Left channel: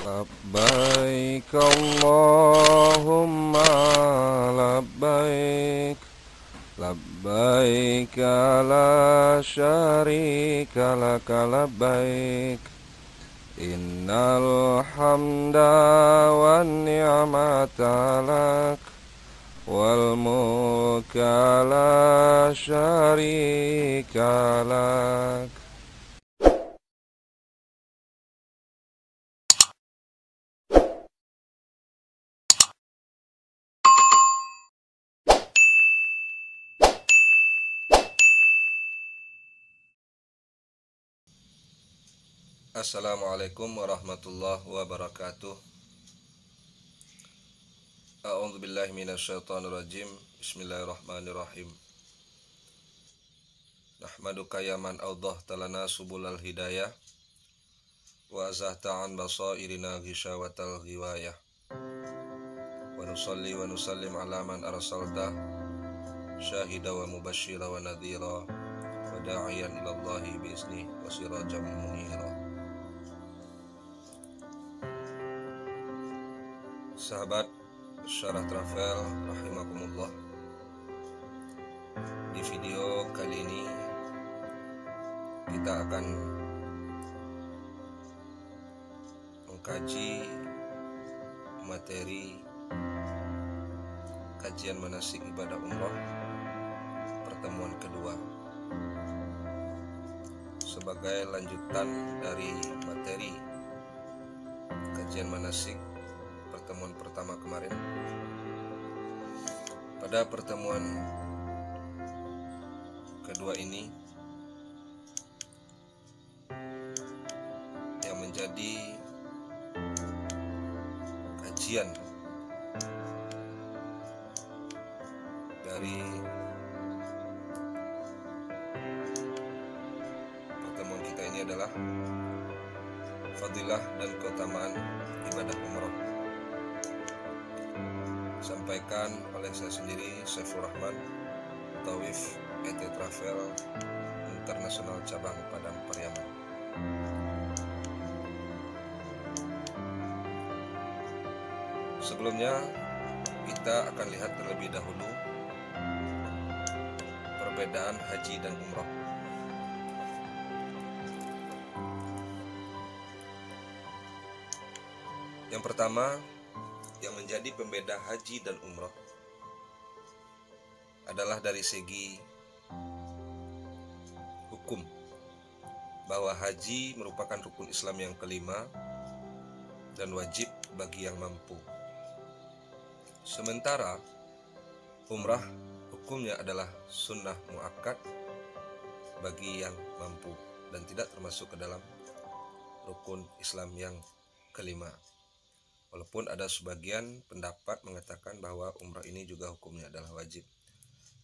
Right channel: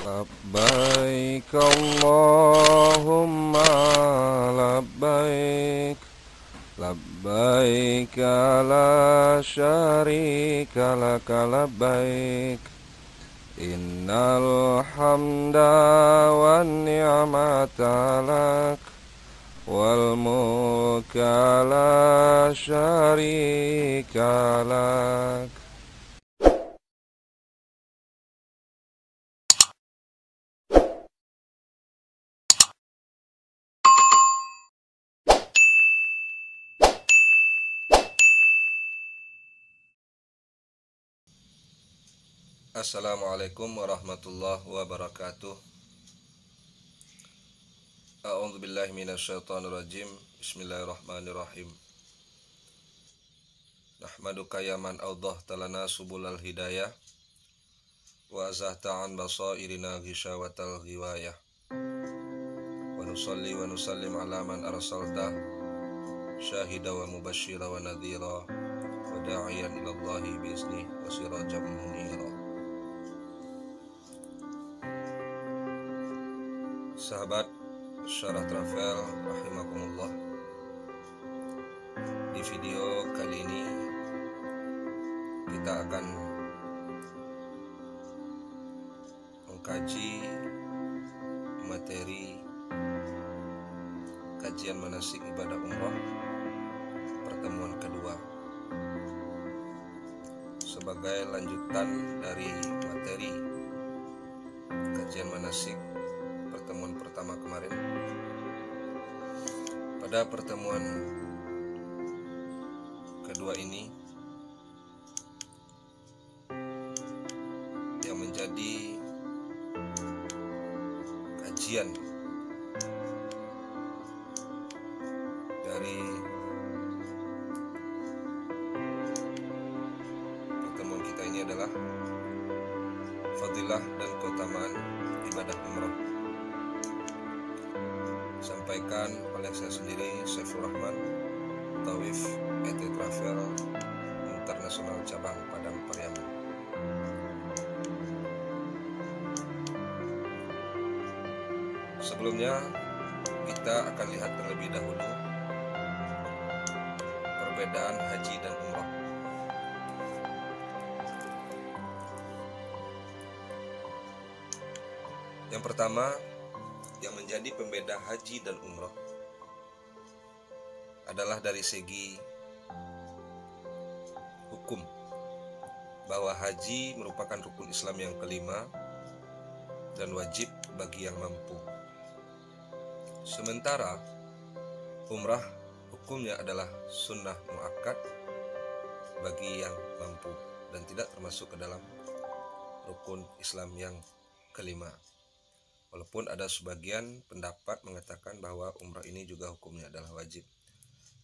Labbaik Allahumma labbaik, labbaik la syarika laka labbaik, innal hamda wan ni'mata lak, wal mulka la syarika lak. Assalamualaikum warahmatullahi wabarakatuh. A'udzubillahi minasyaitonirrajim. Bismillahirrahmanirrahim. Nahmaduka ya man awdahta lana subulal hidayah wa azahta an basairina ghisyawatal ghiwayah. Wa nusalli wa nusallim ala man arsalta syahida wa mubashshira wa nadhira wa da'iyan ilallahi biiznih wa sirajan munira. Sahabat Syarah Travel rahimakumullah, di video kali ini kita akan mengkaji materi kajian manasik ibadah umrah pertemuan kedua sebagai lanjutan dari materi kajian manasik pertemuan pertama kemarin. Pada pertemuan kedua ini yang menjadi kajian dari pertemuan kita ini adalah fadilah dan keutamaan ibadah umrah, disampaikan oleh saya sendiri, Saiful Rahman, Tawif ET Travel Internasional Cabang Padang Pariaman. Sebelumnya kita akan lihat terlebih dahulu perbedaan haji dan umrah. Yang pertama, yang menjadi pembeda haji dan umrah adalah dari segi hukum, bahwa haji merupakan rukun Islam yang kelima dan wajib bagi yang mampu. Sementara umrah hukumnya adalah sunnah muakkad bagi yang mampu dan tidak termasuk ke dalam rukun Islam yang kelima. Walaupun ada sebagian pendapat mengatakan bahwa umrah ini juga hukumnya adalah wajib,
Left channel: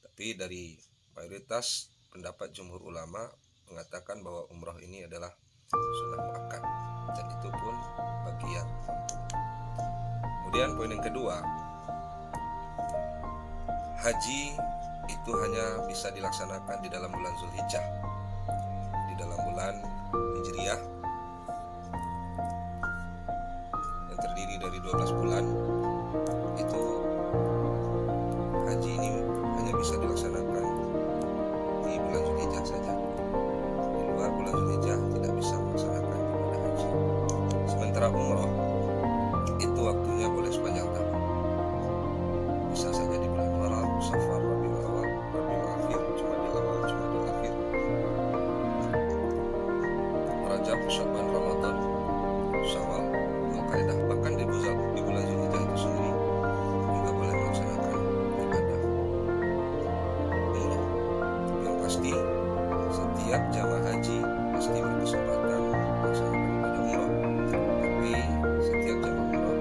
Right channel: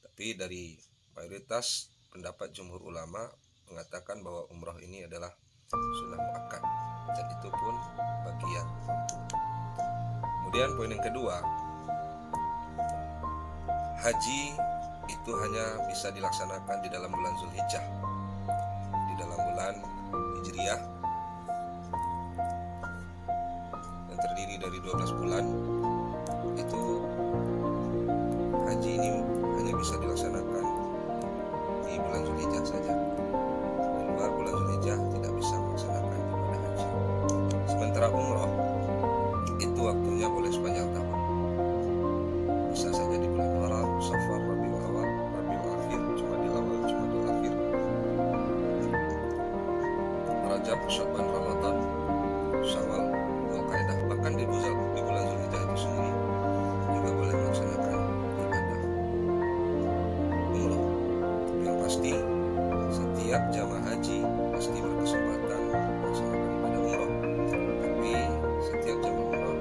tapi dari mayoritas pendapat jumhur ulama mengatakan bahwa umrah ini adalah sunnah muakkad dan itu pun bagi yang mampu. Kemudian poin yang kedua, haji itu hanya bisa dilaksanakan di dalam bulan Zulhijjah, di dalam bulan Hijriyah yang terdiri dari 12 bulan. Itu haji ini hanya bisa dilaksanakan di bulan Zulhijjah saja. Di luar bulan Zulhijjah tidak bisa melaksanakan ibadah haji. Sementara umrah itu waktunya boleh sepanjang tahun. Bisa saja di bulan Muharram, Safar, Rabiul Awal, Rabiul Akhir, Jumadil Awal, Jumadil Akhir, Rajab, Sya'ban, Ramadan, Syawal, Dzulqa'dah, bahkan di bulan Zulhijjah itu sendiri juga boleh melaksanakan ibadah umrah. Yang pasti setiap jamaah haji pasti berkesempatan melaksanakan ibadah umrah, tapi setiap jamaah umrah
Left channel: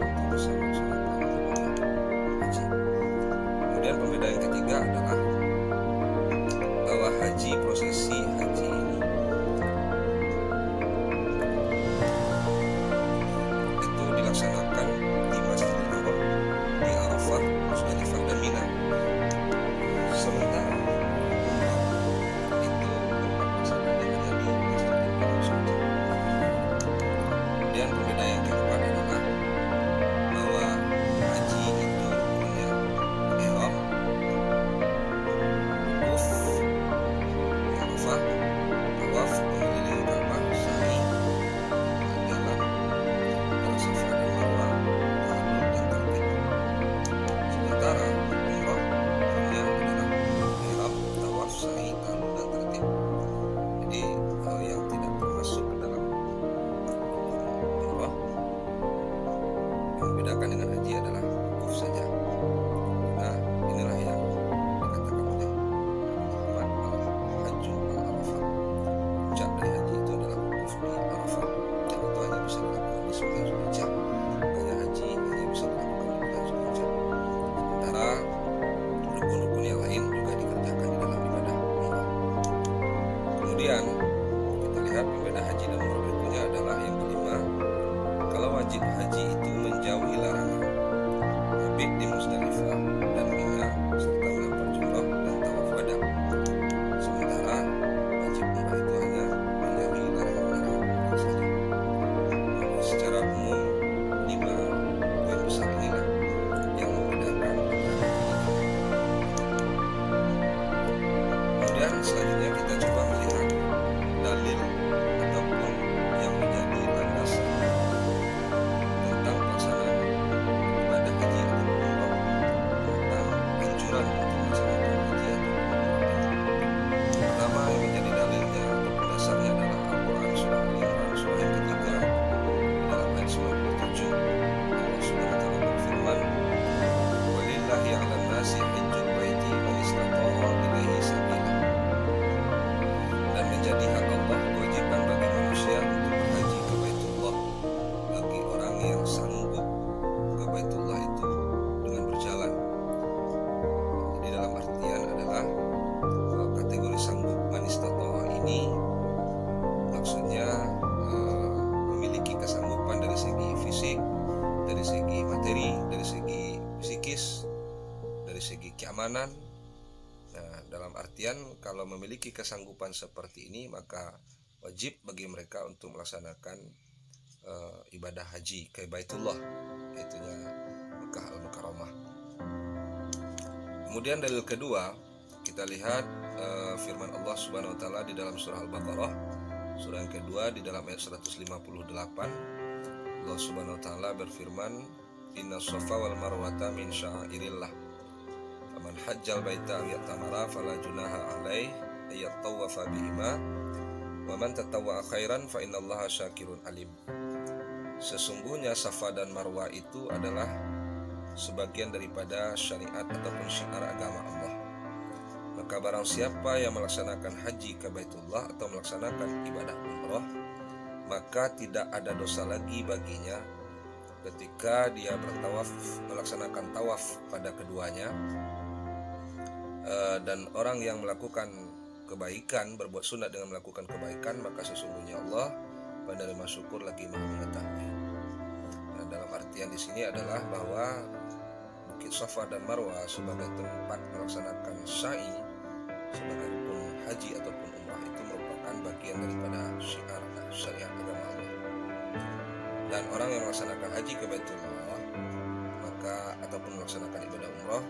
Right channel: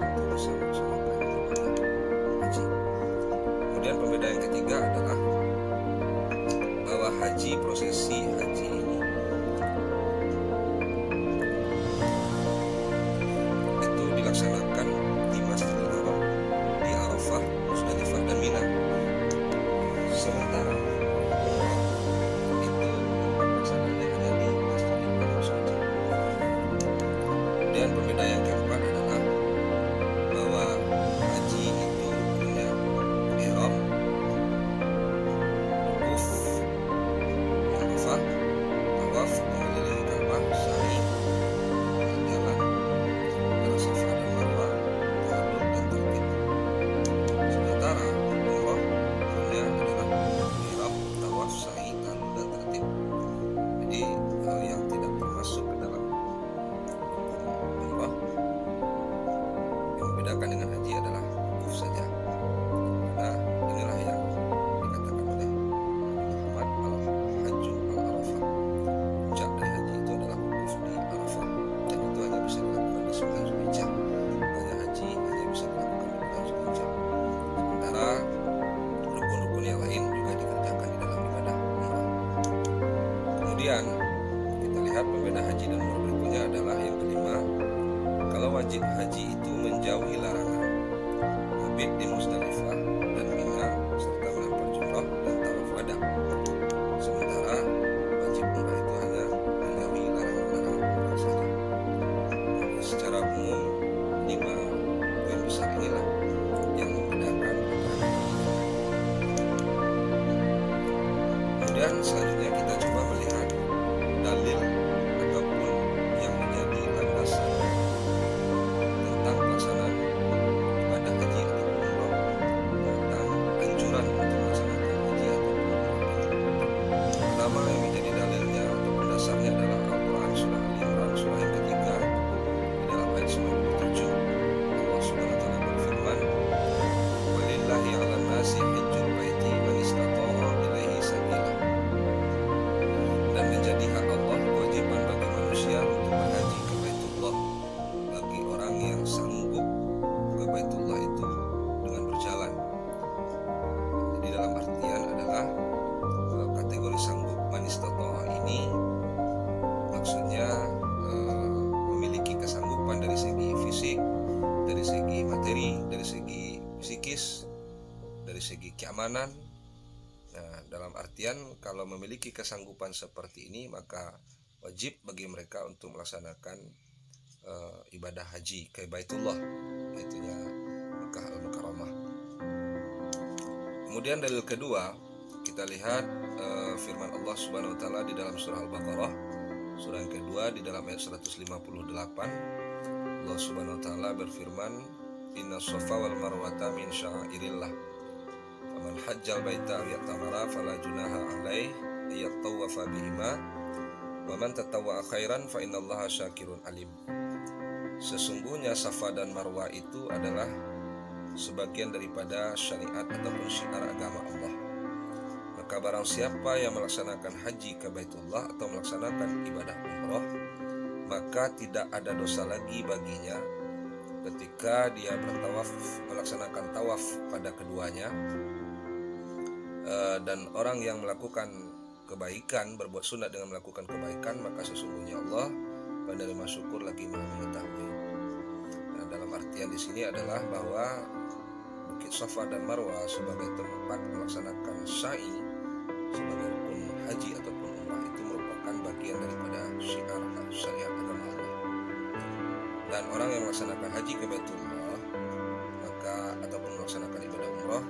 tentu bisa melaksanakan ibadah haji. Kemudian pembedaan yang ketiga adalah bahwa haji, prosesi haji ini itu dilaksanakan di Masjidil Haram, di Arafah, Musdalifah, dan Mina. Sementara umrah itu tempat pelaksananya hanya di Masjidil Haram saja. Kemudian pembeda yang keempat adalah bahwa haji itu rukunnya ihram, wukuf di Arafah, tawaf mengelilingi Ka'bah, sa'i, jalan antara Safa dan Marwah, tahallul dan tartib. Sementara umrah rukunnya adalah ihram, tawaf, sa'i, tahallul dan tartib. Jadi yang tidak termasuk ke dalam umrah yang membedakan dengan haji adalah wukuf saja. Nah, inilah yang dikatakan oleh Nabi Muhammad, al-hajju al-arafah. Puncak dari haji itu adalah wukuf di Arafah, dan itu hanya bisa dilakukan di 9 Zulhijjah. Hanya haji hanya bisa dilakukan di bulan Zulhijjah. Sementara rukun-rukun yang lain juga dikerjakan di dalam ibadah umrah. Kemudian kita lihat pembeda haji dan umrah berikutnya adalah yang kelima. Kalau wajib haji itu menjauhi larangan, mabit di Muzdalifah dan Mina serta melempar jumrah dan tawaf wada. Sementara wajib umrah itu hanya menjauhi larangan-larangan umrah saja. Nah, secara umum 5 poin besar inilah yang membedakan antara haji dengan umrah. Kemudian selanjutnya kita coba melihat dalil ataupun yang menjadi landasan tentang pelaksanaan ibadah haji ataupun umrah, tentang anjuran untuk melaksanakan haji ataupun umrah ini. Pertama yang menjadi dalilnya ataupun dasarnya adalah Al-Quran surah Al-Imran surah yang ketiga di dalam ayat 97. Allah Subhanahu wa taala berfirman, "Walillahi 'alan nasi hajjul baiti man istata'a ilaihi sabila." Dan menjadi hak Allah kewajiban bagi manusia untuk berhaji ke Baitullah bagi orang yang sanggup ke Baitullah itu dengan berjalan. Jadi dalam artian adalah kategori sanggup man istata'a ini maksudnya memiliki kesanggupan dari segi fisik, dari segi materi, dari segi psikis, dari segi keamanan. Nah, dalam artian kalau memiliki kesanggupan seperti ini maka wajib bagi mereka untuk melaksanakan ibadah haji ke Baitullah, yaitunya Mekah Al-Mukarramah. Kemudian dalil kedua, kita lihat firman Allah Subhanahu wa taala di dalam surah Al-Baqarah, surah yang kedua di dalam ayat 158. Allah Subhanahu wa taala berfirman, "Inna Shafa wal Marwata min sya'airillah. Faman hajjal baita aw yatamara fala junaha alaih ayattawafa bihima wa man tatawwa'a khairan fa innallaha syakirun alim." Sesungguhnya Safa dan Marwah itu adalah sebagian daripada syariat ataupun syiar agama Allah. Maka barang siapa yang melaksanakan haji ke Baitullah atau melaksanakan ibadah umrah, maka tidak ada dosa lagi baginya ketika dia bertawaf, melaksanakan tawaf pada keduanya. Dan orang yang melakukan kebaikan, berbuat sunat dengan melakukan kebaikan, maka sesungguhnya Allah penerima syukur lagi Maha mengetahui. Nah, dalam artian di sini adalah bahwa Bukit Safa dan Marwah sebagai tempat melaksanakan sa'i sebagai rukun haji ataupun umrah itu merupakan bagian daripada syiar syariat agama Allah. Dan orang yang melaksanakan haji ke Baitullah maka ataupun melaksanakan ibadah umrah,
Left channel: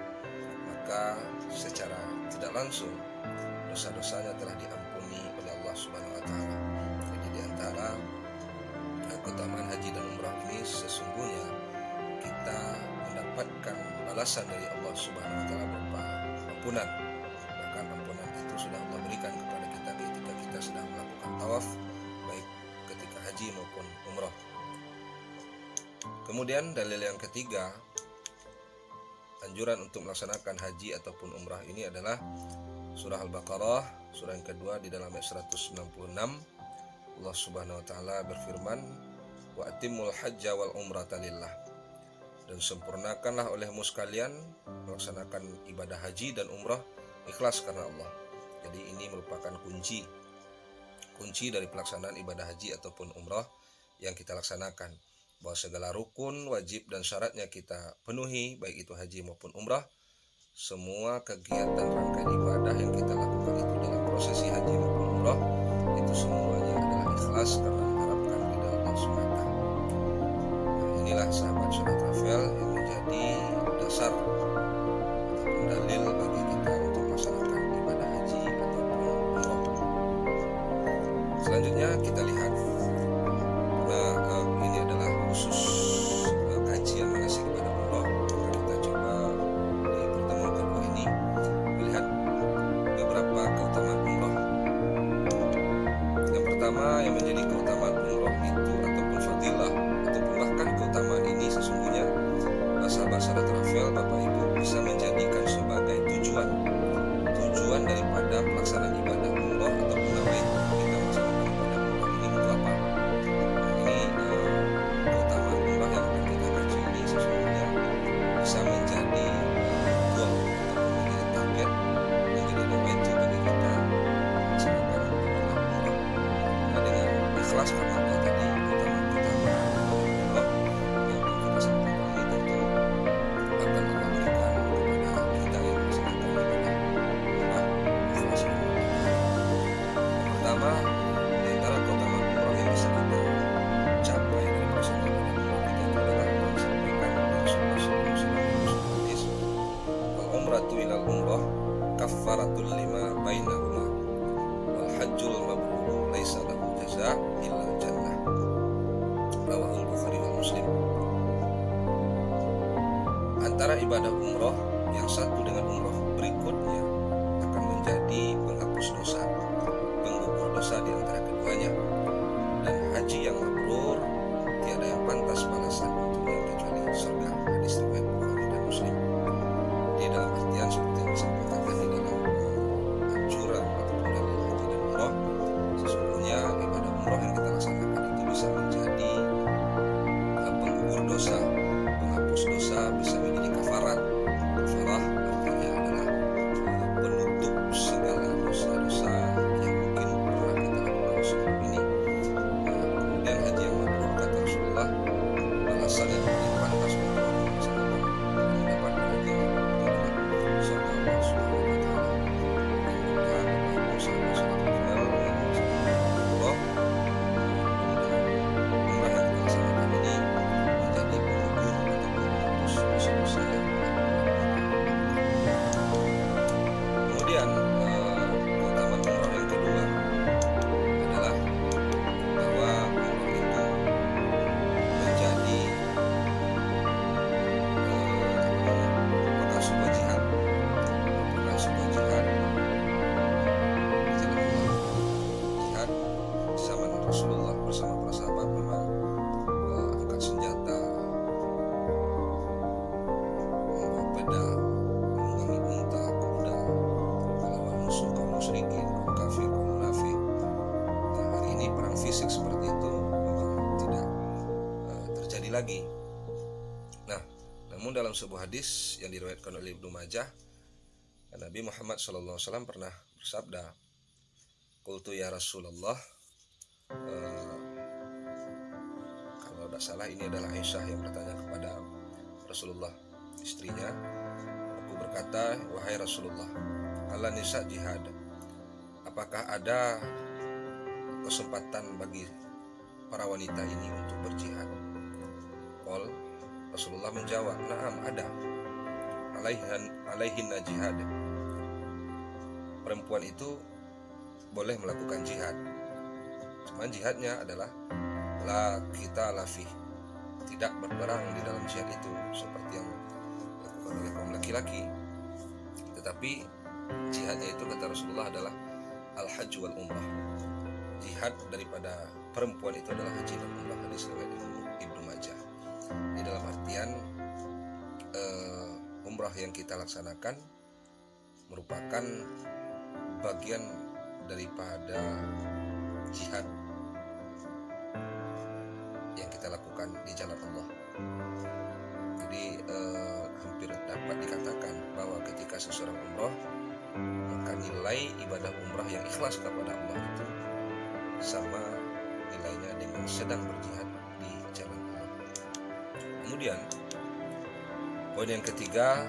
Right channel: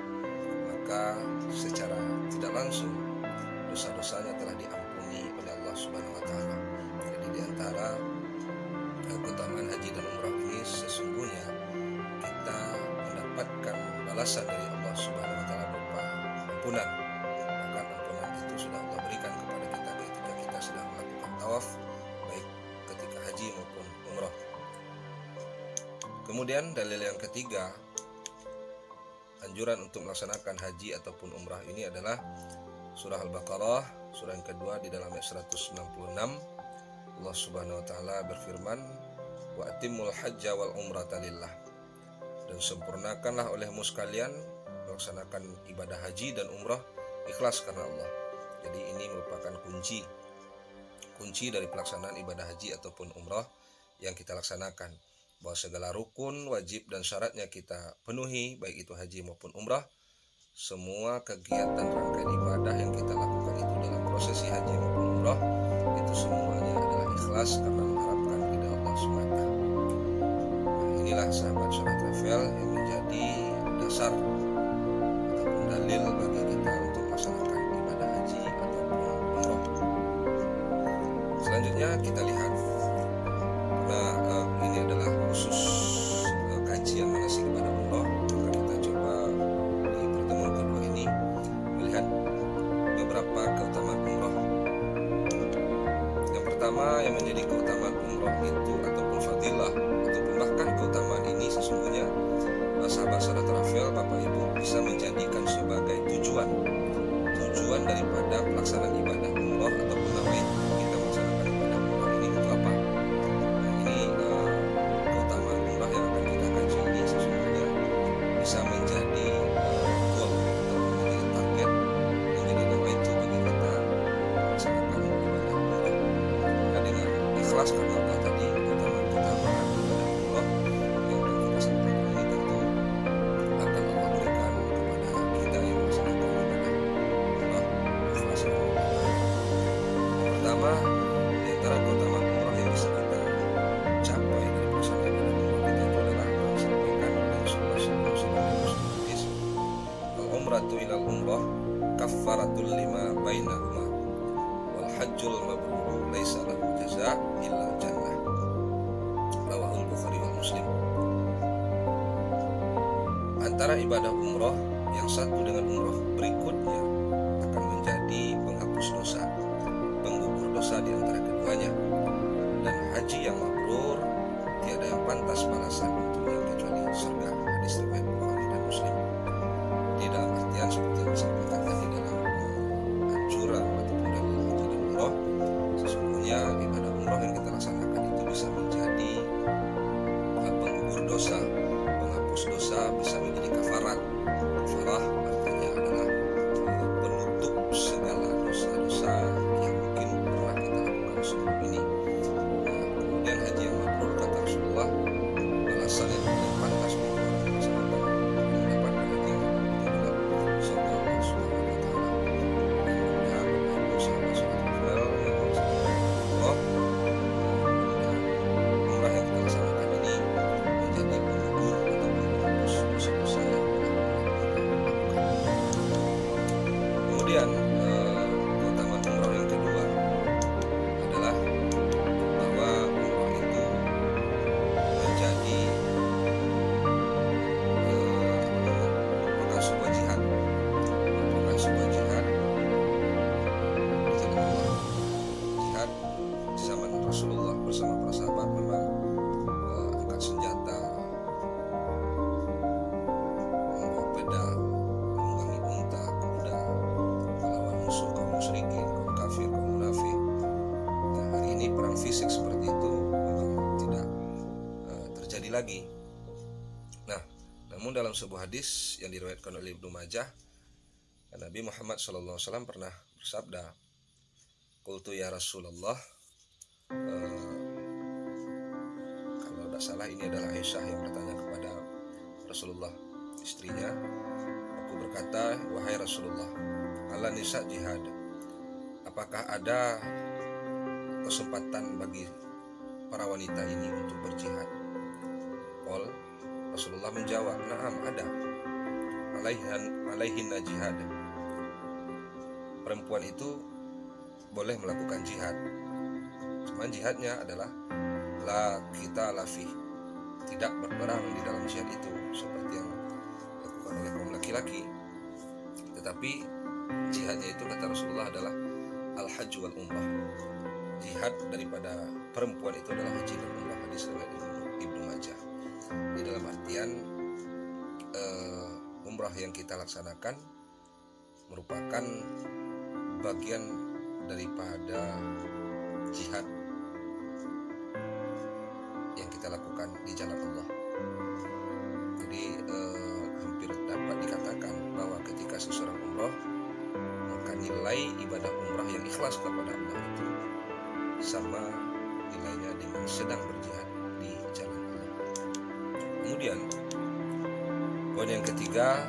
maka secara tidak langsung dosa-dosanya telah diampuni oleh Allah Subhanahu wa taala. Jadi di antara keutamaan haji dan umrah ini sesungguhnya kita mendapatkan balasan dari Allah Subhanahu wa taala berupa ampunan. Bahkan ampunan itu sudah Allah berikan kepada kita ketika kita sedang melakukan tawaf, baik ketika haji maupun umrah. Kemudian dalil yang ketiga, anjuran untuk melaksanakan haji ataupun umrah ini adalah surah Al-Baqarah, surah yang kedua di dalam ayat 166. Allah Subhanahu wa taala berfirman, "Wa atimul hajja wal umrata lillah." Dan sempurnakanlah olehmu sekalian melaksanakan ibadah haji dan umrah ikhlas karena Allah. Jadi ini merupakan kunci dari pelaksanaan ibadah haji ataupun umrah yang kita laksanakan, bahwa segala rukun, wajib dan syaratnya kita penuhi, baik itu haji maupun umrah. Semua kegiatan rangkaian ibadah yang kita lakukan itu dalam prosesi haji maupun umrah itu semuanya adalah ikhlas karena mengharapkan ridha Allah semata. inilah sahabat Sholat Travel yang menjadi dasar ataupun dalil bagi kita untuk melaksanakan ibadah haji ataupun umroh. Selanjutnya kita lihat, karena ini adalah khusus kajian manasik ibadah umroh, maka kita coba di pertemuan kedua ini melihat beberapa keutamaan umroh. Yang pertama yang menjadi keutamaan umroh itu ataupun fadilah ataupun bahkan keutamaan ini sesungguhnya sahabat Sholat Travel, Bapak Ibu, bisa menjadikan sebagai tujuan daripada pelaksanaan ibadah umroh ataupun nawait kita melaksanakan ibadah umroh ini untuk apa. Nah, ini keutamaan umroh yang akan kita kaji ini sesungguhnya bisa menjadi goal ataupun menjadi target, menjadi nawait bagi kita melaksanakan ibadah umroh. Karena dengan ikhlas karena Allah tadi, keutamaan ibadah umroh yang akan kita sampaikan ini tentu akan Allah berikan kepada kita yang melaksanakan ibadah umroh ikhlas. Yang pertama, di antara keutamaan umroh yang bisa kita capai dari pelaksanaan ibadah umroh kita itu adalah yang disampaikan oleh Rasulullah SAW dalam hadis, al-umratu ilal umroh kaffaratul lima bainahuma wal hajjul mabrur laisa lahu jaza illa jannah, rawahul Bukhari wal Muslim. Antara ibadah umroh yang satu dengan umroh berikutnya akan menjadi penghapus dosa, penggugur dosa di antara keduanya, dan haji yang mabrur tiada yang pantas balasan untuknya kecuali surga. Hadis riwayat Bukhari dan Muslim. Di dalam artian seperti yang disampaikan tadi dalam anjuran ataupun dalil haji dan umroh, sesungguhnya ibadah umroh yang kita laksanakan itu bisa menjadi penggugur dosa, penghapus dosa, bisa menjadi kafarat. Kafarah artinya adalah penutup segala dosa-dosa yang mungkin pernah kita lakukan sebelum ini. Kemudian haji yang mabrur, kata Rasulullah, balasan yang paling pantas untuk orang melaksanakan dan mendapatkan haji yang mabrur itu adalah surga Allah Subhanahu wa Ta'ala. Mudah-mudahan Bapak Ibu sahabat Sholat Travel yang melaksanakan umroh, umrah yang kita laksanakan ini menjadi penggugur ataupun penghapus dosa-dosa yang pernah kita lakukan. Kemudian keutamaan umroh yang kedua adalah bahwa umroh itu menjadi merupakan sebuah jihad, di jalan Allah. Jihad di zaman Rasulullah bersama para sahabat memang angkat senjata, membawa pedang, menunggangi unta, kuda, melawan musuh kaum musyrikin, kaum kafir, kaum munafik. Nah, hari ini perang fisik seperti itu memang tidak terjadi lagi. Nah, namun dalam sebuah hadis yang diriwayatkan oleh Ibnu Majah, Nabi Muhammad SAW pernah bersabda, "Qultu ya Rasulullah," kalau tidak salah ini adalah Aisyah yang bertanya kepada Rasulullah, istrinya, "Aku berkata, wahai Rasulullah, ala nisa jihad, apakah ada kesempatan bagi para wanita ini untuk berjihad?" Qol, Rasulullah menjawab, "Na'am, ada. Alaihinna jihad." Perempuan itu boleh melakukan jihad, cuman jihadnya adalah la kita lafih, tidak berperang di dalam jihad itu seperti yang dilakukan oleh kaum laki-laki. Tetapi jihadnya itu, kata Rasulullah, adalah al-hajj wal umrah. Jihad daripada perempuan itu adalah haji dan umrah. Hadis riwayat Ibnu Majah. Di dalam artian umrah yang kita laksanakan merupakan bagian daripada jihad yang kita lakukan di jalan Allah. Jadi hampir dapat dikatakan bahwa ketika seseorang umrah, maka nilai ibadah umrah yang ikhlas kepada Allah itu sama nilainya dengan sedang berjihad di jalan Allah. Kemudian poin yang ketiga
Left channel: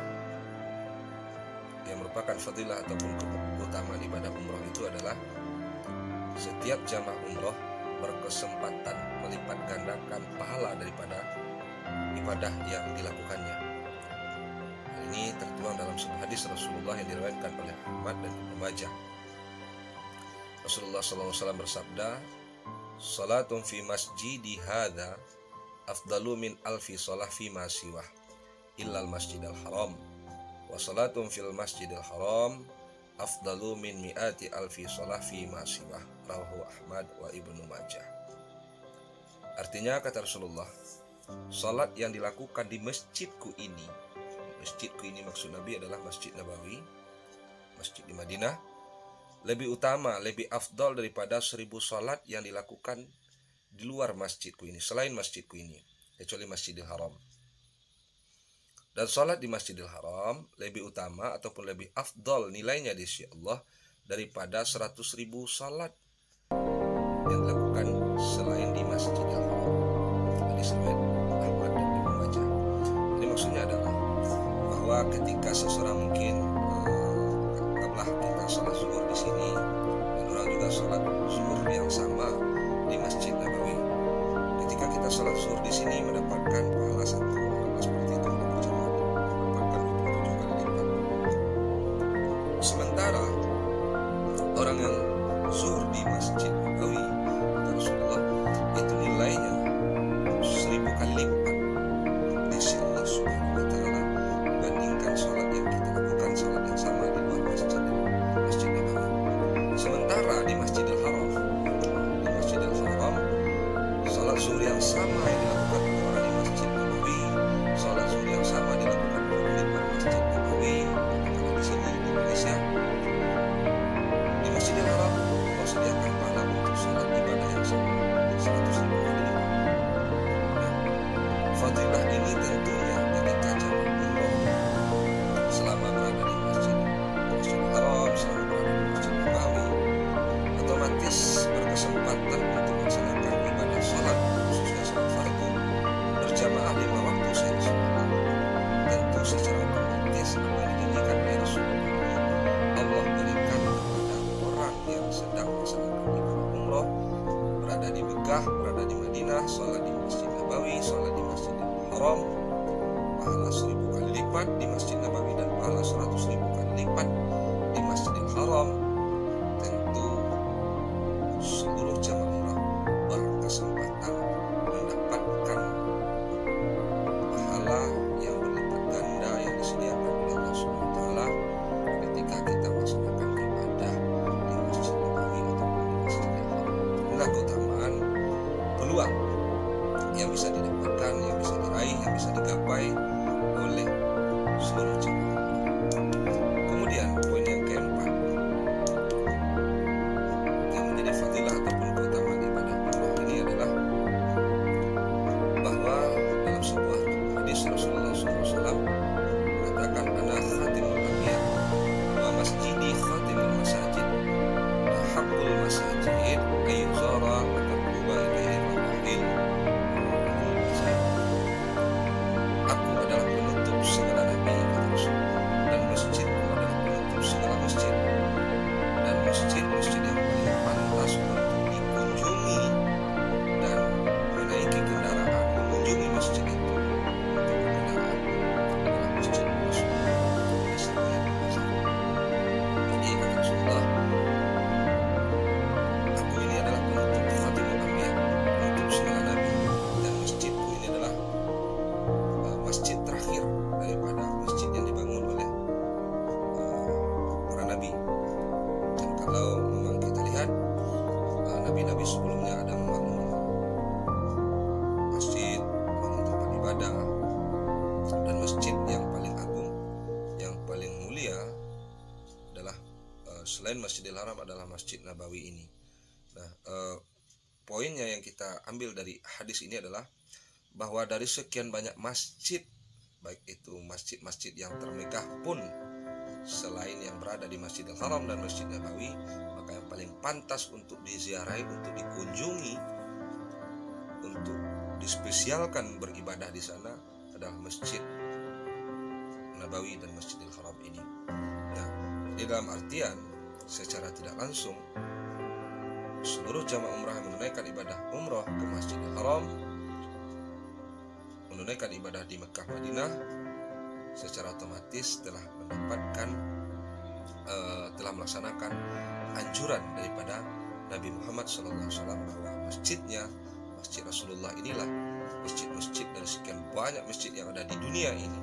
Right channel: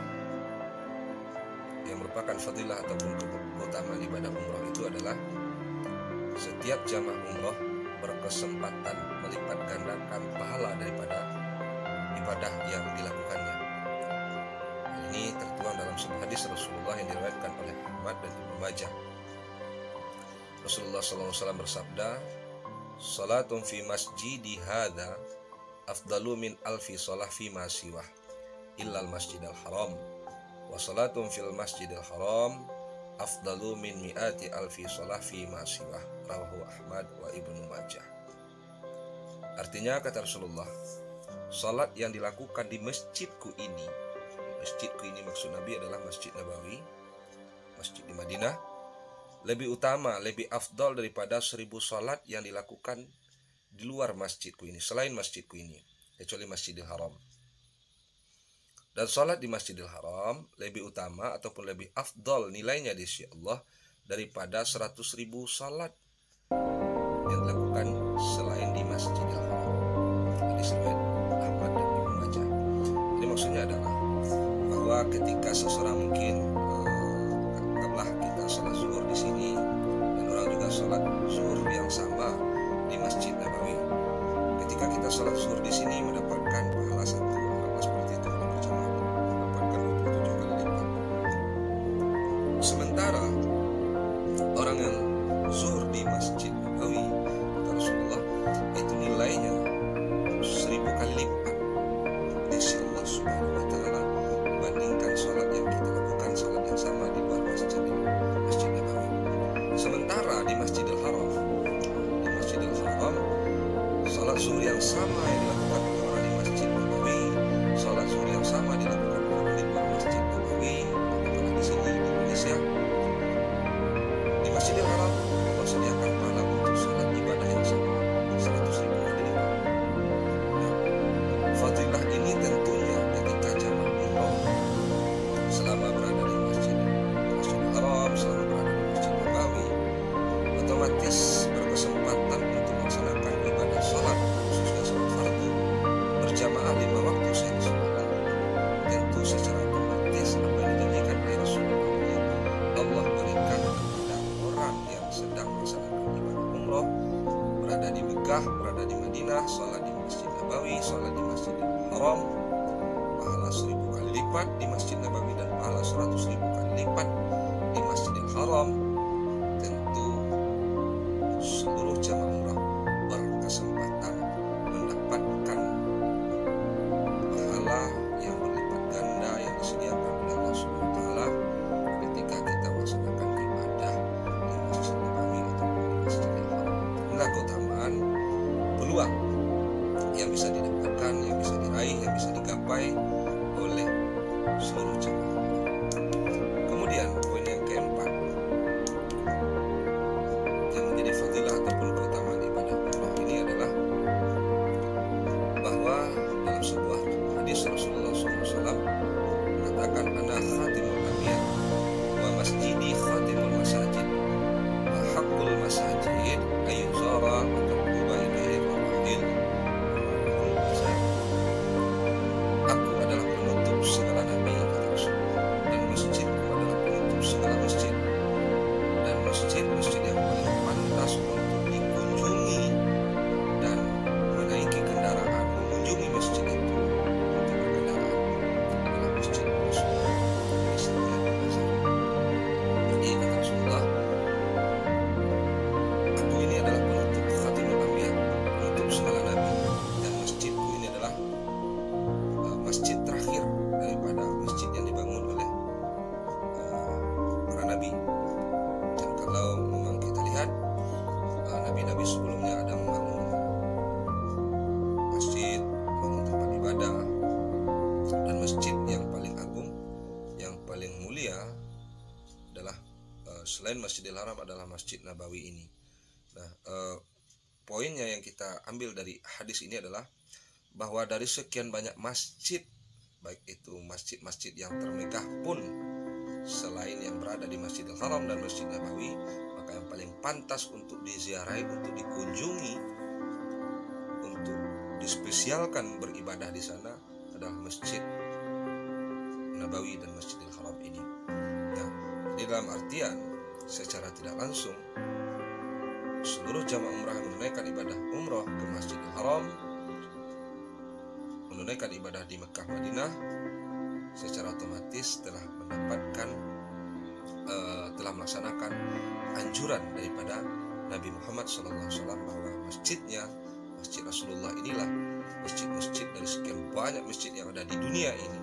yang merupakan fadilah ataupun keutamaan ibadah umroh itu adalah setiap jamaah umroh berkesempatan melipat gandakan pahala daripada ibadah yang dilakukannya. Hal ini tertuang dalam sebuah hadis Rasulullah yang diriwayatkan oleh Ahmad dan Ibnu Majah. Rasulullah SAW bersabda, "Salatun fi masjidi hadza afdalu min alfi shalah fi ma siwah illal masjidil haram wa salatun fil masjidil haram afdalu min mi'ati alfi shalah fi ma siwah." Rawahu Ahmad wa Ibnu Majah. Artinya, kata Rasulullah, salat yang dilakukan di masjidku ini maksud Nabi adalah Masjid Nabawi, masjid di Madinah, lebih utama, lebih afdal daripada 1000 salat yang dilakukan di luar masjidku ini, selain masjidku ini, kecuali Masjidil Haram. Dan salat di Masjidil Haram lebih utama ataupun lebih afdal nilainya di sisi Allah daripada 100.000 salat yang dilakukan selain di Masjidil Haram. Hadis riwayat Ahmad dan Ibnu Majah. Jadi maksudnya adalah bahwa ketika seseorang mungkin kita sholat zuhur di sini dan orang juga sholat zuhur yang sama di Masjid Nabawi. Ketika kita sholat zuhur di sini mendapatkan pahala 1 amal seperti itu kalau berjamaah, mendapatkan 27 kali lipat. Sementara orang yang zuhur di Masjid Nabawi, kata Rasulullah, itu nilainya 1000 kali lipat di sisi Allah Subhanahu wa Ta'ala dibandingkan sholat yang kita lakukan, sholat yang sama di luar Masjid Nabawi. Sementara di Masjidil Haram, sholat zuhur yang sama yang dilakukan oleh orang di Masjid Nabawi, sholat zuhur yang sama dilakukan oleh orang di luar Masjid Nabawi. Apakah di sini di Indonesia, di Masjidil Haram, Allah sediakan pahala untuk sholat ibadah yang sama 100.000 kali lipat. Nah, fadilah ini tentunya ketika jamaah umroh selama berada di Masjidil Haram, selama berada di Masjid Nabawi, otomatis berkesempatan untuk melaksanakan ibadah sholat, khususnya sholat fardu berjamaah 5 waktu sehari semalam. Tentu secara otomatis apa yang dijanjikan oleh Rasulullah ini Allah berikan kepada orang yang sedang melaksanakan ibadah umroh, berada di Mekah, berada di Madinah, sholat di Masjid Nabawi, sholat di Masjidil Haram, pahala 1000 kali lipat di Masjid Nabawi dan pahala 100.000 kali lipat di Masjidil Haram. Tentu seluruh jamaah umrah berkesempatan mendapatkan pahala yang berlipat ganda yang disediakan oleh Allah Subhanahu wa Ta'ala ketika kita melaksanakan ibadah di Masjid Nabawi ataupun di Masjidil Haram. Inilah keutamaan peluang yang bisa didapatkan, yang bisa diraih, yang bisa digapai oleh seluruh jamaah. Kemudian poin yang keempat yang menjadi fadilah ataupun keutamaan ibadah umrah ini adalah bahwa dalam sebuah hadis Rasulullah SAW mengatakan, "Ana khatimul anbiya wa masjidi khatimul masajid wa haqqul masajid ayyuzara wa tarkuba ilaihi rawahil." Aku adalah penutup segala nabi, kata Rasulullah, dan masjidku adalah penutup segala masjid, dan masjid-masjid yang paling pantas untuk dikunjungi dan menaiki kendaraan mengunjungi masjid itu untuk berkendaraan adalah Masjid Rasulullah SAW. Jadi kata Rasulullah, aku ini adalah penutup khatimul anbiya, penutup segala nabi, dan masjidku ini adalah masjid terakhir daripada masjid yang dibangun oleh para nabi. Dan kalau memang kita lihat nabi-nabi sebelumnya ada membangun masjid, membangun tempat ibadah, dan masjid yang paling agung, yang paling mulia adalah selain Masjidil Haram adalah Masjid Nabawi ini. Nah, poinnya yang kita ambil dari hadis ini adalah bahwa dari sekian banyak masjid, baik itu masjid-masjid yang termegah pun selain yang berada di Masjidil Haram dan Masjid Nabawi, maka yang paling pantas untuk diziarahi, untuk dikunjungi, untuk dispesialkan beribadah di sana adalah Masjid Nabawi dan Masjidil Haram ini. Nah, di dalam artian secara tidak langsung seluruh jamaah umrah yang menunaikan ibadah umrah ke Masjidil Haram menunaikan ibadah di Mekah Madinah secara otomatis telah mendapatkan telah melaksanakan anjuran daripada Nabi Muhammad SAW bahwa masjidnya, Masjid Rasulullah inilah masjid-masjid dari sekian banyak masjid yang ada di dunia ini,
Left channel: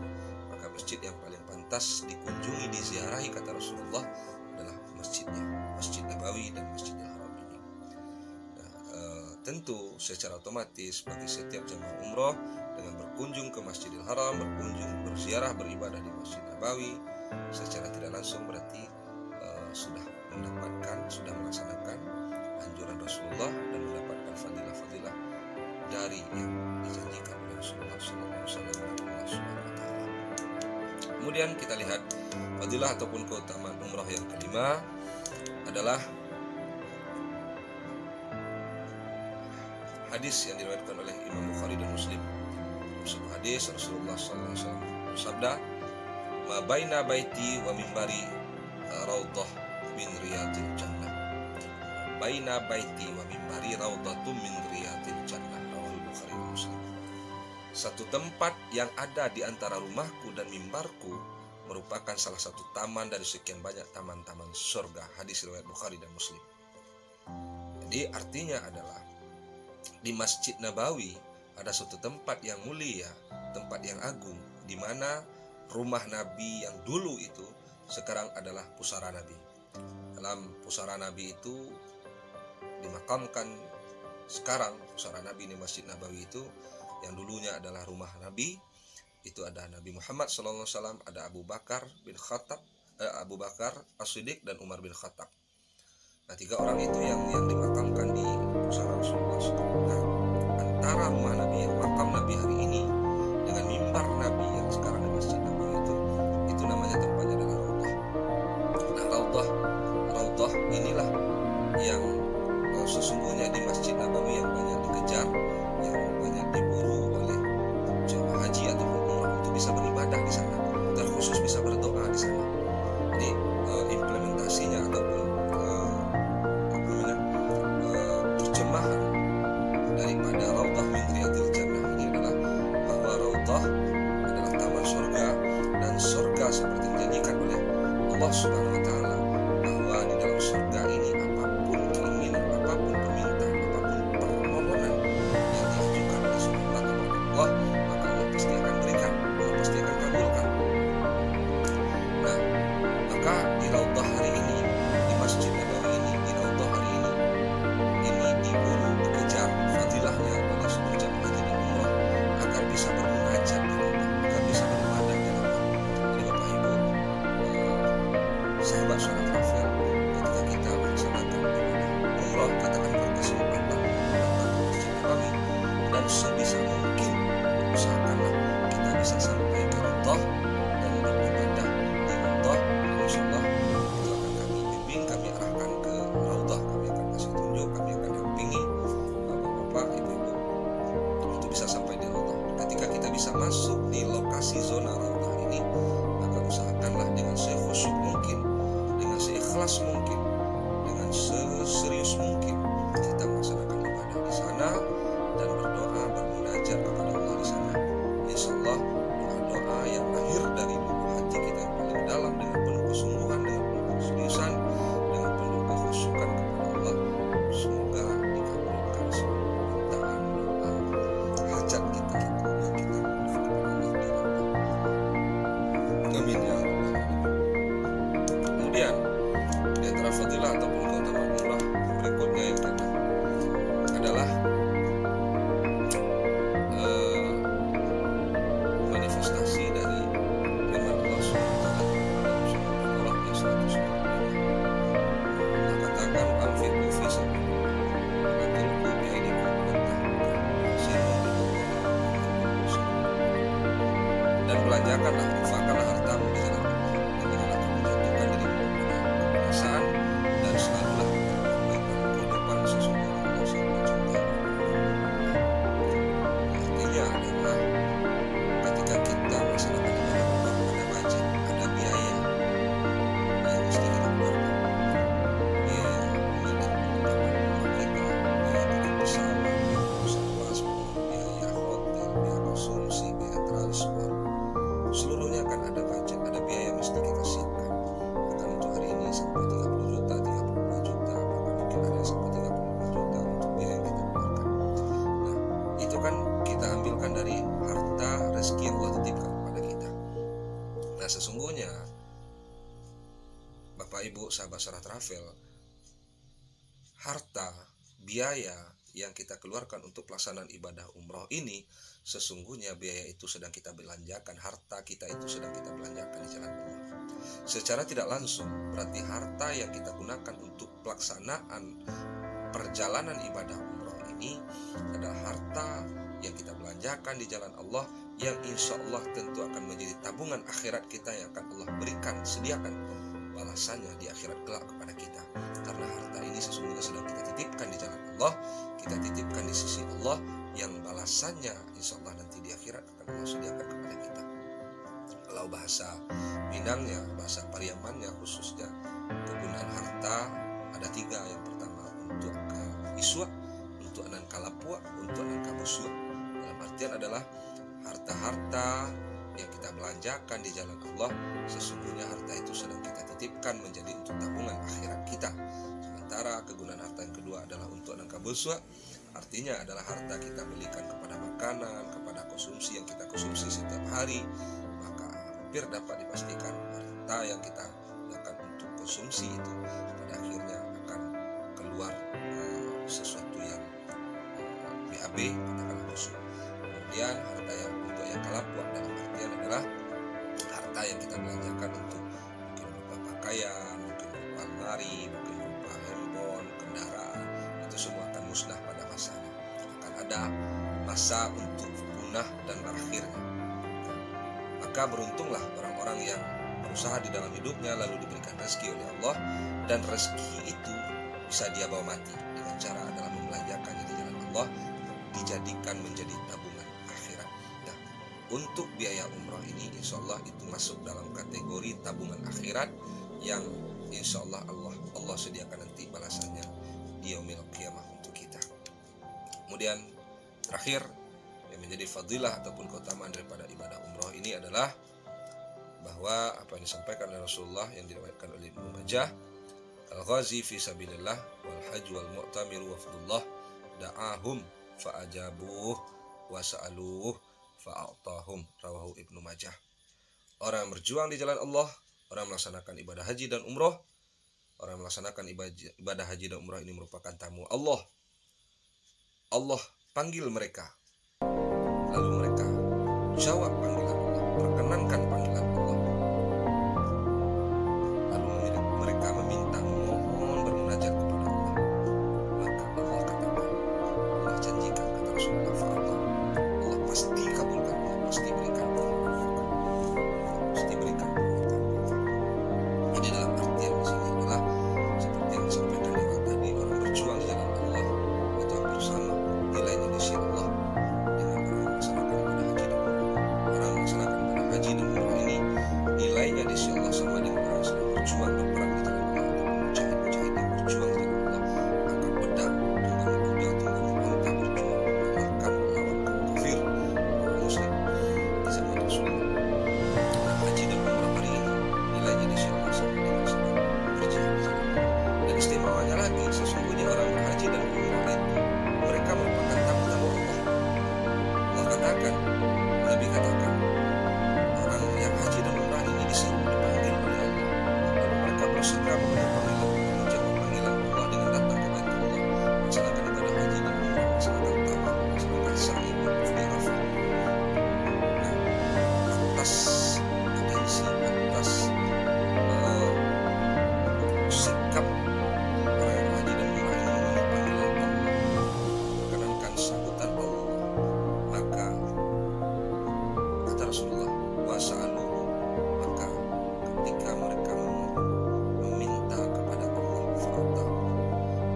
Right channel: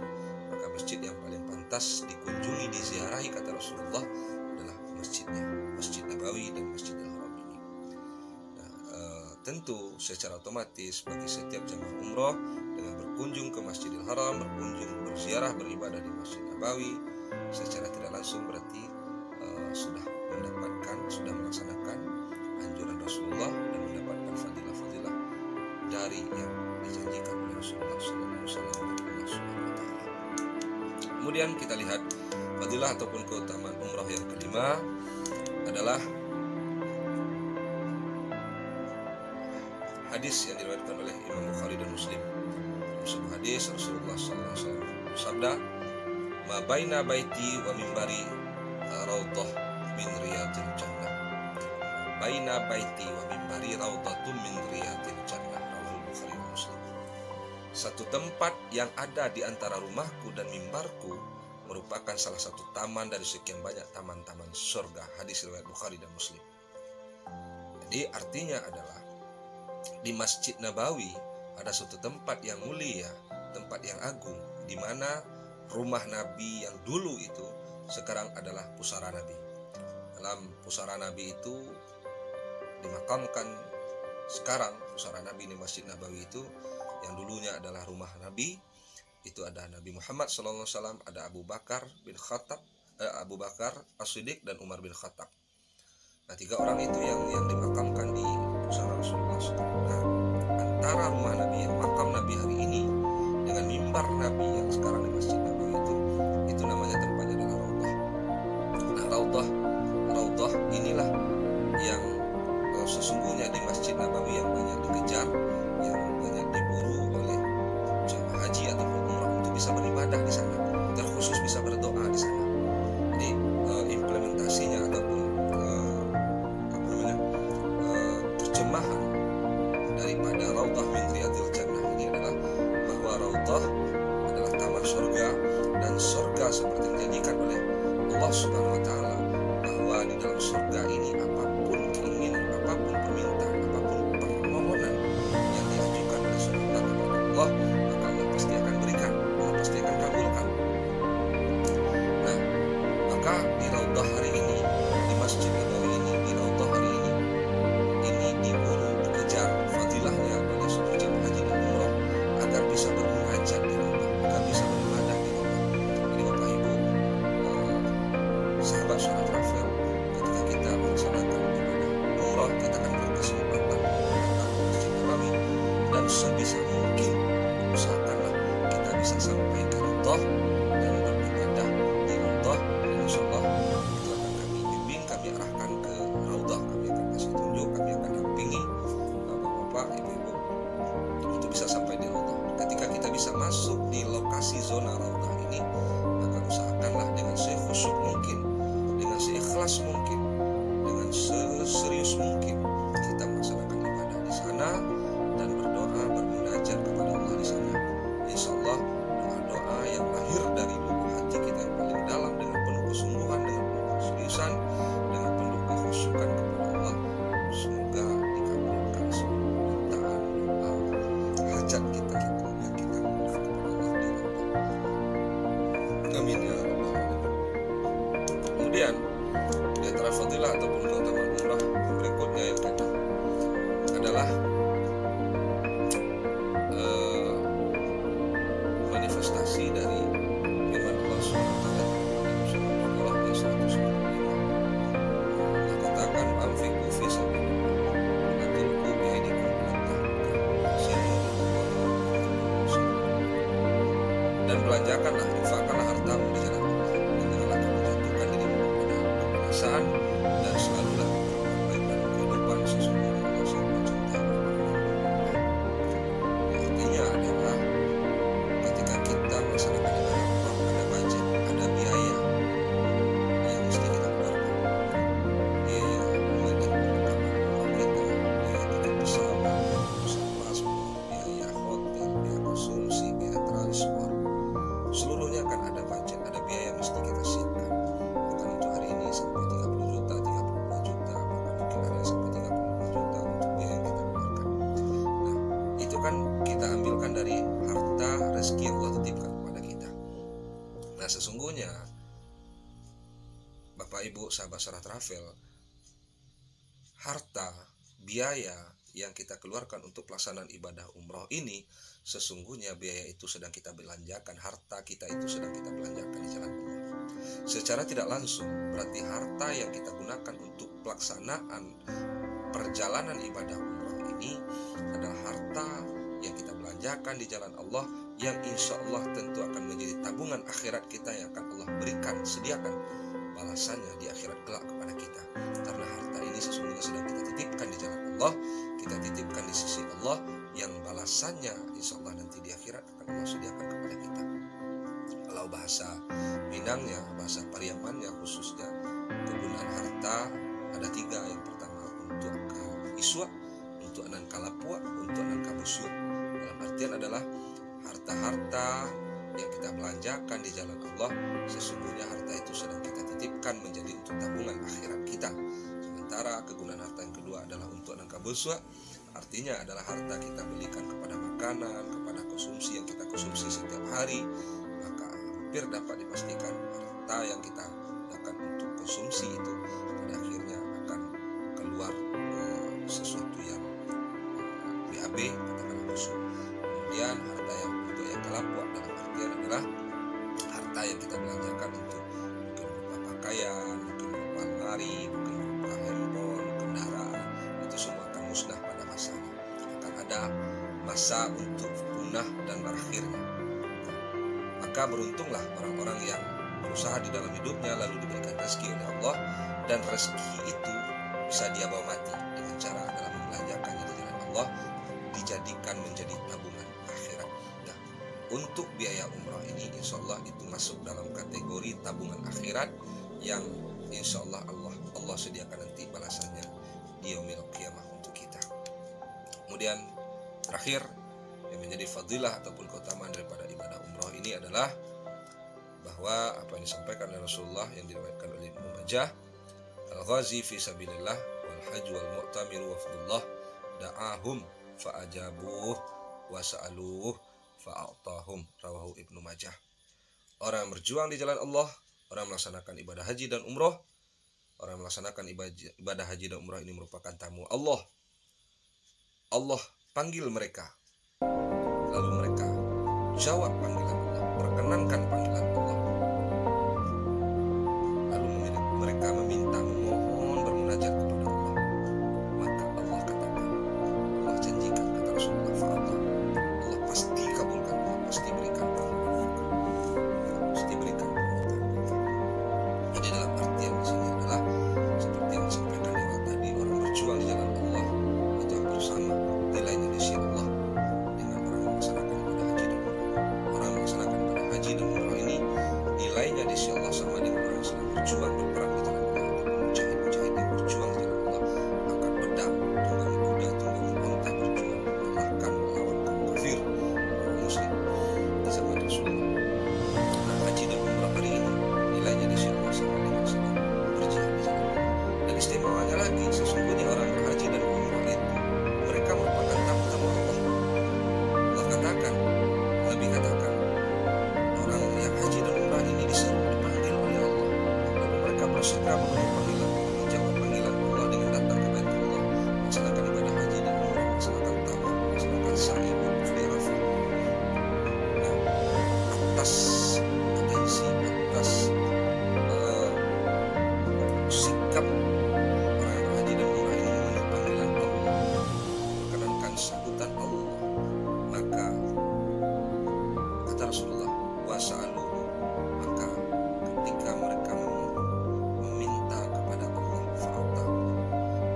maka masjid yang paling pantas dikunjungi, diziarahi kata Rasulullah adalah masjidnya, Masjid Nabawi dan Masjidil Haram ini. Nah, tentu secara otomatis bagi setiap jemaah umroh dengan berkunjung ke Masjidil Haram, berkunjung berziarah beribadah di Masjid Nabawi, secara tidak langsung berarti sudah melaksanakan anjuran Rasulullah dan mendapatkan fadilah-fadilah dari yang dijanjikan oleh Rasulullah SAW dan Allah Subhanahu wa Ta'ala. Kemudian kita lihat fadilah ataupun keutamaan umrah yang kelima adalah hadis yang diriwayatkan oleh Imam Bukhari dan Muslim. Dalam sebuah hadis Rasulullah SAW bersabda, "Ma baina baiti wa mimbari raudhah min riyadil jannah." Baina baiti wa mimbari raudhatun min riyadil jannah. Rawahul Bukhari dan Muslim. Satu tempat yang ada di antara rumahku dan mimbarku merupakan salah satu taman dari sekian banyak taman-taman surga. Hadis riwayat Bukhari dan Muslim. Jadi artinya adalah di Masjid Nabawi ada suatu tempat yang mulia, tempat yang agung, di mana rumah Nabi yang dulu itu sekarang adalah pusara Nabi. Dalam pusara Nabi itu dimakamkan sekarang pusara Nabi di Masjid Nabawi itu yang dulunya adalah rumah Nabi. Itu ada Nabi Muhammad SAW, ada Abu Bakar As-Siddiq dan Umar bin Khattab. Nah, 3 orang itu yang dimakamkan di pusara Rasulullah SAW. Nah, antara rumah Nabi yang makam Nabi hari ini dengan mimbar Nabi yang sekarang di Masjid Nabawi itu namanya tempatnya adalah Raudhah. Nah, Raudhah inilah yang sesungguhnya di Masjid Nabawi yang banyak dikejar, yang banyak diburu oleh jemaah haji ataupun umrah untuk bisa beribadah di sana, terkhusus bisa berdoa di sana. Jadi implementasinya ataupun terjemahan daripada Raudhah min Riyadil Jannah ini adalah bahwa Raudhah adalah taman surga, dan surga seperti dijanjikan oleh Allah Subhanahu wa Ta'ala bahwa di dalam surga ini apapun keinginan, apapun permintaan, apapun permohonan yang diajukan oleh seorang kepada Allah, maka Allah pasti akan berikan, Allah pasti akan kabulkan. Nah, maka di Raudhah hari ini, di Masjid Nabawi ini, di Raudhah hari ini diburu, dikejar fadilahnya oleh seluruh jemaah haji dan umrah agar bisa bermunajat di Raudhah, agar bisa beribadah di Raudhah. Jadi Bapak Ibu, sahabat Suara Travel, ketika kita melaksanakan ibadah umrah, kita akan berkesempatan datang ke Masjid Nabawi, dan sebisa mungkin usahakanlah kita bisa sampai ke Raudhah dan beribadah di Raudhah, dan insyaallah itu akan kami bimbing, kami arahkan ke Raudhah, kami akan kasih tunjuk, kami akan dampingi Bapak, Ibu-ibu untuk bisa sampai di Raudhah. Ketika kita bisa masuk di lokasi zona Raudhah ini, maka usahakanlah dengan sekhusyuk mungkin, dengan seikhlas mungkin, dengan seserius mungkin kita melaksanakan ibadah di sana dan berdoa, bermunajat kepada Allah di sana. Insyaallah doa-doa yang lahir dari lubuk hati kita yang paling dalam, dengan penuh kesungguhan, dengan penuh keseriusan, dengan penuh kekhusyukan kepada Allah, semoga dikabulkan seluruh permintaan, doa, hajat kita yang kita mohon kepada Allah di Raudhah. Amin ya rabbal alamin. Kemudian di antara fadilah ataupun keutamaan umrah yang berikutnya yang keenam adalah manifestasi dari firman Allah SWT dalam surah Al-Baqarah ayat 195. Allah katakan, "Anfiqu fi sabilillah wa la tulqu bi aydikum ila tahluka wahsinu billahi yuhibbul muhsinin." Dan belanjakanlah, infakkanlah hartamu di jalan Allah, dan janganlah kamu jatuhkan dirimu kepada kebinasaan, dan selalulah berbuat baik dalam kehidupan, sesungguhnya Allah sangat mencintai orang-orang yang beriman. Artinya adalah ketika kita melaksanakan ibadah umrah, ada budget, ada biaya yang mesti kita keluarkan. Biaya mulai dari perlengkapan umrah kita, biaya tiket pesawat, biaya paspor, biaya hotel, biaya konsumsi, kan kita ambilkan dari harta rezeki yang Allah titipkan kepada kita. Nah, sesungguhnya Bapak Ibu sahabat Sarah Travel, harta, biaya yang kita keluarkan untuk pelaksanaan ibadah umroh ini, sesungguhnya biaya itu sedang kita belanjakan, harta kita itu sedang kita belanjakan di jalan Allah. Secara tidak langsung, berarti harta yang kita gunakan untuk pelaksanaan perjalanan ibadah umroh ini adalah harta yang kita belanjakan di jalan Allah, yang insya Allah tentu akan menjadi tabungan akhirat kita yang akan Allah berikan, sediakan balasannya di akhirat kelak kepada kita. Karena harta ini sesungguhnya sedang kita titipkan di jalan Allah, kita titipkan di sisi Allah, yang balasannya insya Allah nanti di akhirat akan Allah sediakan kepada kita. Kalau bahasa Minangnya, bahasa Pariamannya khususnya, kegunaan harta ada 3. Yang pertama untuk iswa, untuk anan kalapua, untuk anan kabusua. Dalam artian adalah harta-harta yang kita belanjakan di jalan Allah, sesungguhnya harta itu sedang kita titipkan menjadi untuk tabungan akhirat kita. Sementara kegunaan harta yang kedua adalah untuk anan kabuswa, artinya adalah harta kita belikan kepada makanan, kepada konsumsi yang kita konsumsi setiap hari. Maka hampir dapat dipastikan harta yang kita gunakan untuk konsumsi itu pada akhirnya akan keluar sesuatu yang BAB, katakanlah busuk. Kemudian harta yang untuk yang kalapua dalam artian adalah harta yang kita belanjakan untuk mungkin berupa pakaian, mungkin berupa lemari, mungkin berupa handphone, kendaraan, itu semua akan musnah pada masanya. Akan ada masa untuk punah dan berakhirnya. Maka beruntunglah orang-orang yang berusaha di dalam hidupnya lalu diberikan rezeki oleh Allah, dan rezeki itu bisa dia bawa mati dengan cara adalah membelanjakannya di jalan Allah, dijadikan menjadi tabungan akhirat. Nah, untuk biaya umrah ini insya Allah itu masuk dalam kategori tabungan akhirat yang insya Allah Allah sediakan nanti balasannya di yaumil qiyamah untuk kita. Kemudian terakhir yang menjadi fadilah ataupun keutamaan daripada ibadah umrah ini adalah bahwa apa yang disampaikan oleh Rasulullah yang diriwayatkan oleh Ibnu Majah, al-ghazi fi sabilillah wal hajj wal mu'tamir wafdullah da'ahum fa'ajabuh wa sa'aluh fa'atahum, rawahu Ibnu Majah. Orang yang berjuang di jalan Allah, orang melaksanakan ibadah haji dan umrah, orang melaksanakan ibadah haji dan umrah ini merupakan tamu Allah. Allah panggil mereka, lalu mereka jawab panggilan Allah, perkenankan panggilan Allah, lalu mereka meminta, memohon, bermunajat kepada Allah. Maka Allah katakan, Allah janjikan, kata Rasulullah, fa'atah, Allah pasti kabulkan, Allah pasti berikan permohonan mereka, pasti berikan permintaan mereka. Jadi dalam artian di sini adalah seperti yang disampaikan di awal tadi, orang berjuang di jalan Allah itu hampir sama nilainya di sisi Allah dengan orang yang melaksanakan ibadah haji dan umrah. Orang yang melaksanakan ibadah haji dan umrah ini nilainya di sisi Allah sama dengan orang yang sedang berjuang berperang di jalan Allah, ataupun mujahid-mujahid yang berjuang di jalan Allah, angkat pedang, tunggangi kuda, tunggangi unta, berjuang mengalahkan melawan kaum kafir, orang muslim di zaman Rasulullah. Nah, haji dan umrah hari ini nilainya di sisi Allah sama dengan sedang berjihad di jalan Allah. Dan istimewanya lagi, sesungguhnya orang berhaji dan umrah itu mereka merupakan tamu-tamu Allah. Allah katakan, Nabi katakan, orang yang haji dan umrah ini disuruh dipanggil oleh Allah, lalu mereka bersegera memenuhi panggilan Allah, menjawab panggilan Allah dengan datang ke Baitullah, melaksanakan ibadah haji dan umrah, melaksanakan tawaf, melaksanakan sa'i waquf di Arafah. Nah, atas atensi, atas sikap orang yang berhaji dan umrah ini memenuhi panggilan Allah, memperkenankan sambutan Allah, maka kata Rasulullah, wasa'aluhu, maka ketika mereka meminta kepada Allah, fa'atahu,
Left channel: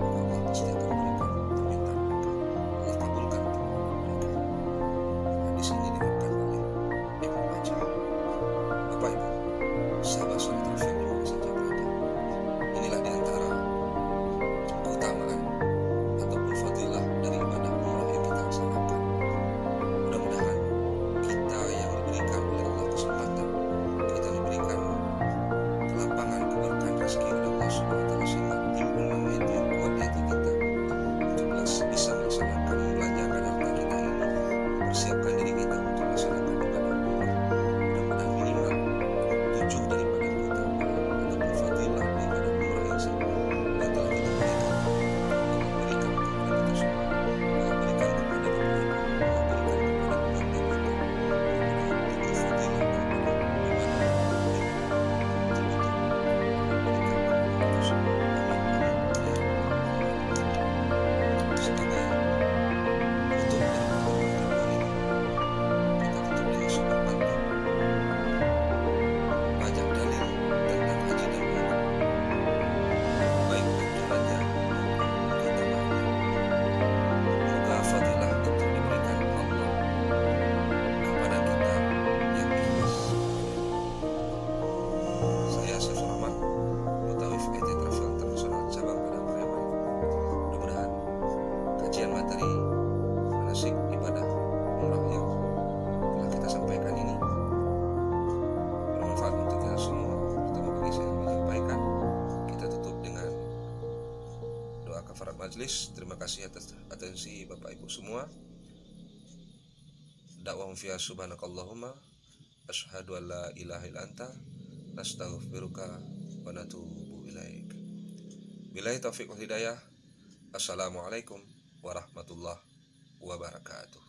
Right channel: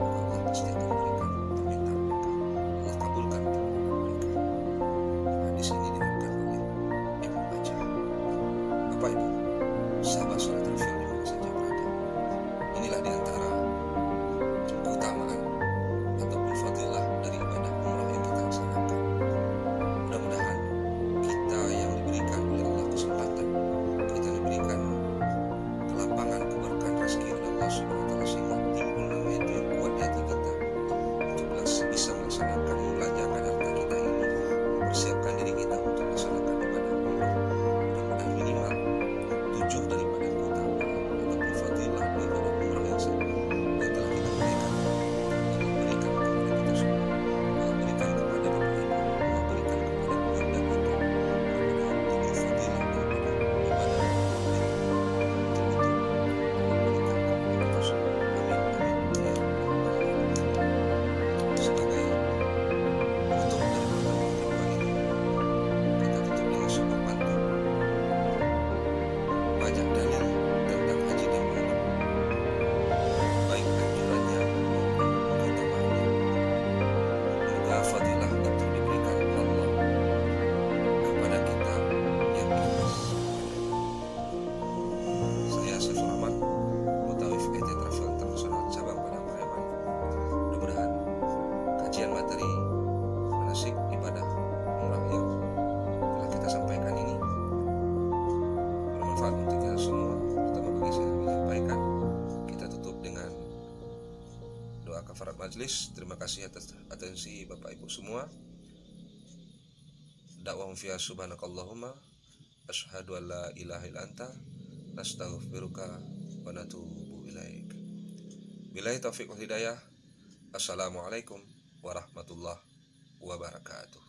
maka Allah pasti akan berikan permintaan mereka, Allah kabulkan permohonan mereka. Hadis ini diriwayatkan oleh Ibnu Majah. Bapak Ibu, sahabat Sarah Travel di mana saja berada, inilah diantara keutamaan ataupun fadilah dari ibadah umrah yang kita laksanakan. Mudah-mudahan kita yang diberikan oleh Allah kesempatan, kita diberikan kelapangan, keberkahan rezeki oleh Allah Subhanahu wa taala, sehingga timbul nama itu yang kuat di hati kita untuk bisa melaksanakan, membelanjakan harta kita ini kajian materi manasik ibadah umrah yang telah kita sampaikan ini bermanfaat untuk kita semua, terutama bagi saya yang menyampaikan. Kita tutup dengan doa kafarat majlis. Terima kasih atas atensi Bapak Ibu semua. Dakwahum fiha subhanakallahumma asyhadu an la ilaha illa anta nastaghfiruka wa natubu ilaik. Billahi taufiq wal hidayah. Assalamualaikum warahmatullahi wabarakatuh.